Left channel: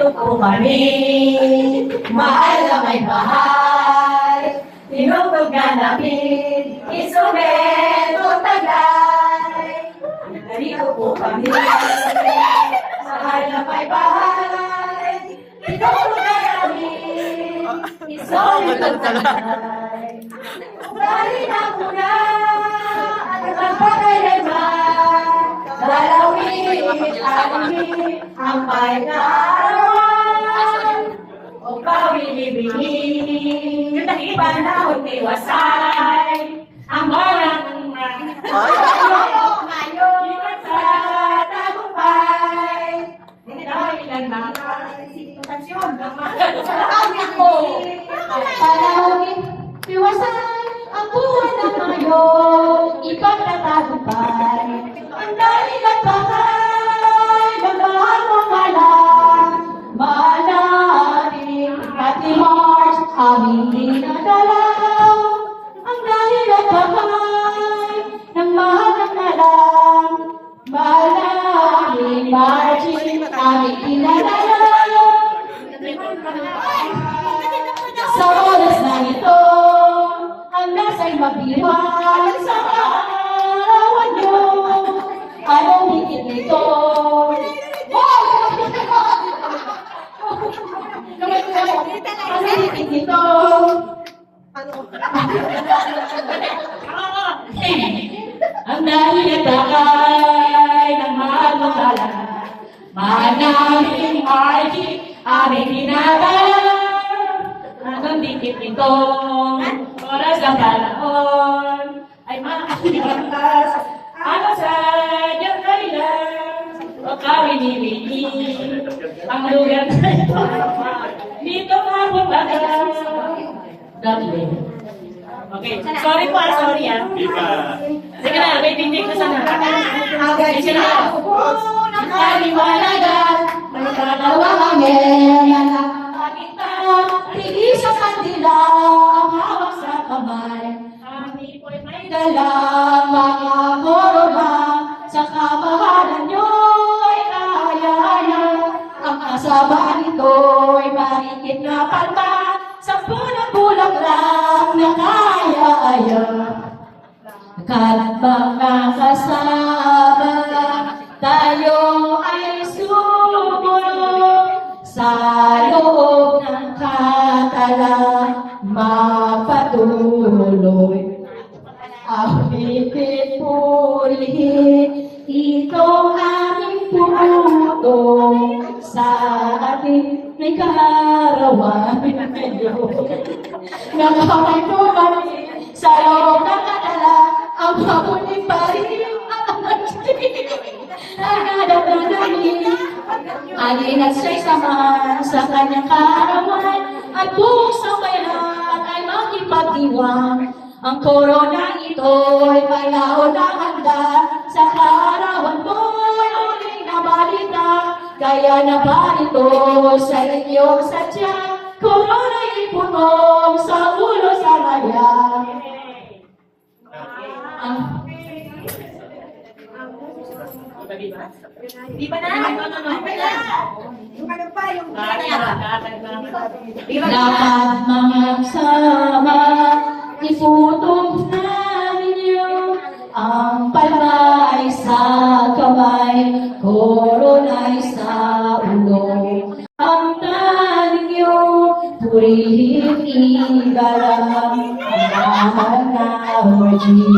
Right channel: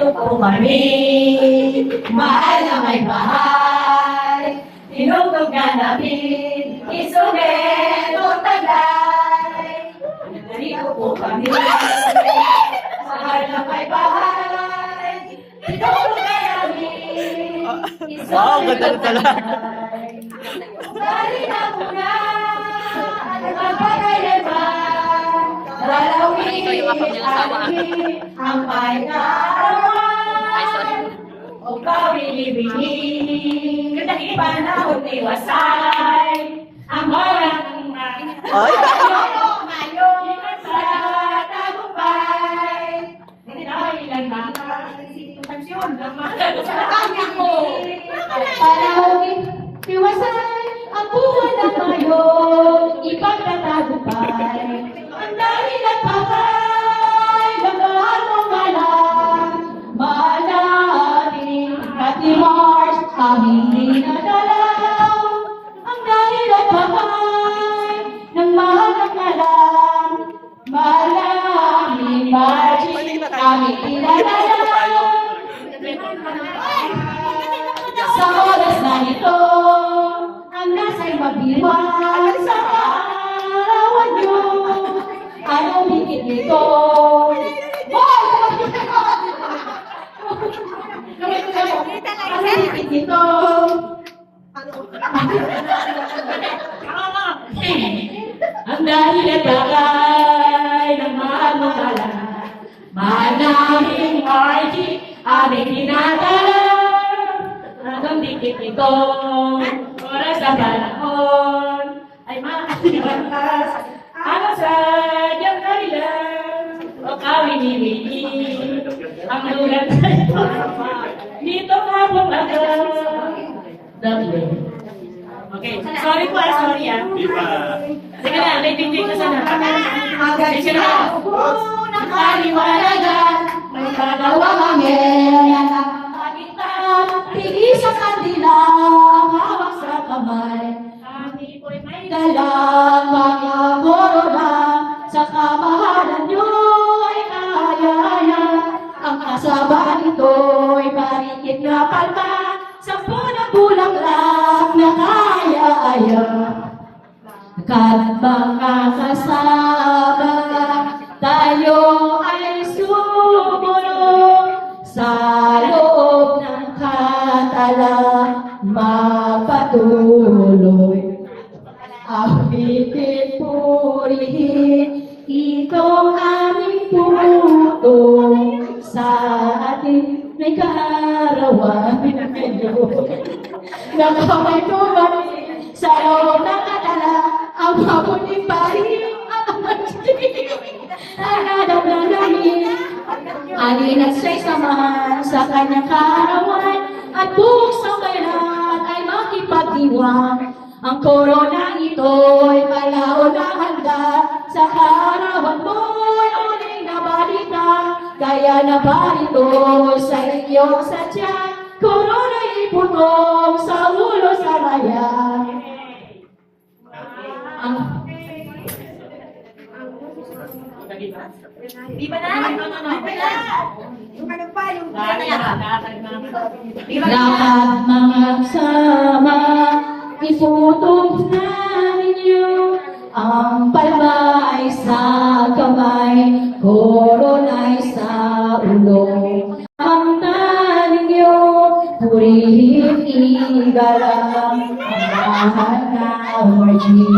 Nandito po kami, mahal na may bahay. Tinutog na namin, isulit o tagay. Nandito po kami, mahal na may bahay. Tinutog na namin, isulit o tagay. Dali na muna, ang pagkakayaman. Dalawin ang pagkakaroon o pawilibigin. Hindi panahon iwasay ang walang ngayon tagumpay. Dahil lang sitwasyon panahon iwasay ang buwan ng ngayon ipagtatagumpay. Ang dahil ng pagkay, magmahal mo malang, maalaring Happy Mars, aming dinadalaw. Ang dahil ng pagkay, ng mahal ng malang, maalaring Marching, aming dinadalaw. Sa oras na ito, ang nasa'y magdiwang sa kaarawan nyo. Anong higit nito? Anong higit nito? Ang dahil at bagay ng mahal mo pala, mahal namin ay aming pinapala. Anong higit nito? Oras ang panahon ay makakalipas. Ano sa iyong kalilang o kawinibigin ang lugar na ito dito ka pumagal. Okay, sorry po sorry sige na, may tingting ko sana sige na ng kaliwanagan may dalawang angel nakakakita tigil sa kandila ang hawak sa kamay kami po'y may dalang mga korona sa kamahalan nyo'y kaya-aya ang kasabaan nito'y marikit na palma sa bulag-bulaklak na kaya-aya kat mga kasama tayo ay sumunod sa loob ng katalang mapatuloy. Awitin purihin itong aming puto sa ating may kaarawan. Nakamay tumanin sa loob ng katala ang mabuting paring at ang magiging ang hanap na namin. Alin at siya'y samahan sa kanyang kaarawan at buong sambayan ay makipagdiwang. Ang korona ito'y malaon na handa sa kaarawan mo'y uling na balita. Kaya na ba ito sa inyong sadya? Korona'y ipunong sa ulo sa maya. Di ba na? Lahat mga sama iputok namin yun. Ang palma ay sa kamay, korona ay sa ulo. Ang tanin nyo, purihin igalang ang mahal na orgy.